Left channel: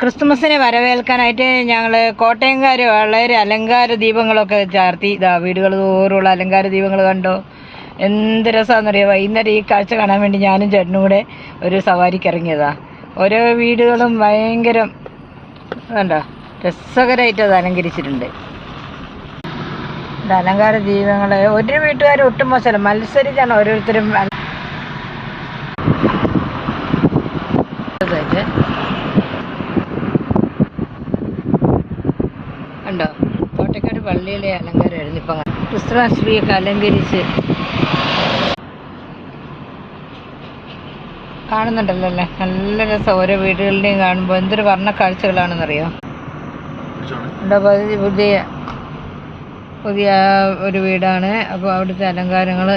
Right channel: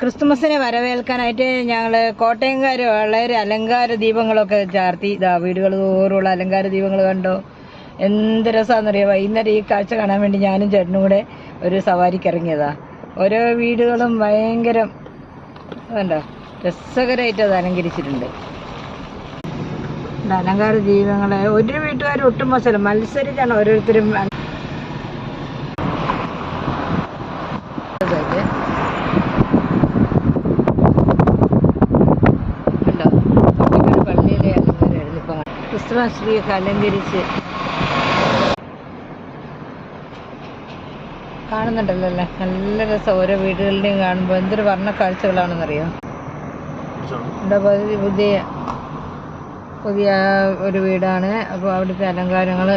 ക്രിസ്തുമസിനെ വരവേൽക്കാനായിട്ട് ഞങ്ങൾ കോട്ടയംകാർ വളരെ അലങ്കാര ദീപങ്ങളൊക്കെ ചാർത്തി. ഇതാ വീടുകൾ തോറുള്ള അലങ്കാര ദീപങ്ങൾ കണ്ടോ, എന്ത് രസമാണെന്നറിയാം. വൈകുന്നേരം ഈ കാഴ്ച കാണാൻ വേണ്ടി ഞാനും ചേട്ടനും കൂടെ ഒരു സവാരിക്ക് ഇറങ്ങിയതാ. ഓരോ വീടുകളും ഭയങ്കര കണ്ടോ രസകരമായിട്ട് അത് അലങ്കരിച്ചിട്ടുണ്ട്. അലങ്കാര ദീപങ്ങൾ ഒരു വീട്ടുകാരും ഒട്ടും മോശമല്ല, മത്സരിച്ചാണ് ഓരോരുത്തരും കണ്ടോ. കോട്ടയ്ക്കാട് പള്ളിയിലെ അലങ്കാരമായിരുന്നു ഇപ്പം ക്രിസ്തുമസ് ട്രീയൊക്കെ അലങ്കരിച്ച് കാണുന്നുണ്ടല്ലോ അല്ലേ. നല്ല രസം ഓരോ വീടുകളുടെയും കാണുമ്പോൾ എന്തൊരു വർണ്ണ കാഴ്ചകളാണെന്നറിയോ. എന്താ പുതിയ ഒരു വീടാണ്. അപ്പോൾ അവിടുത്തെ അലങ്കാരങ്ങൾ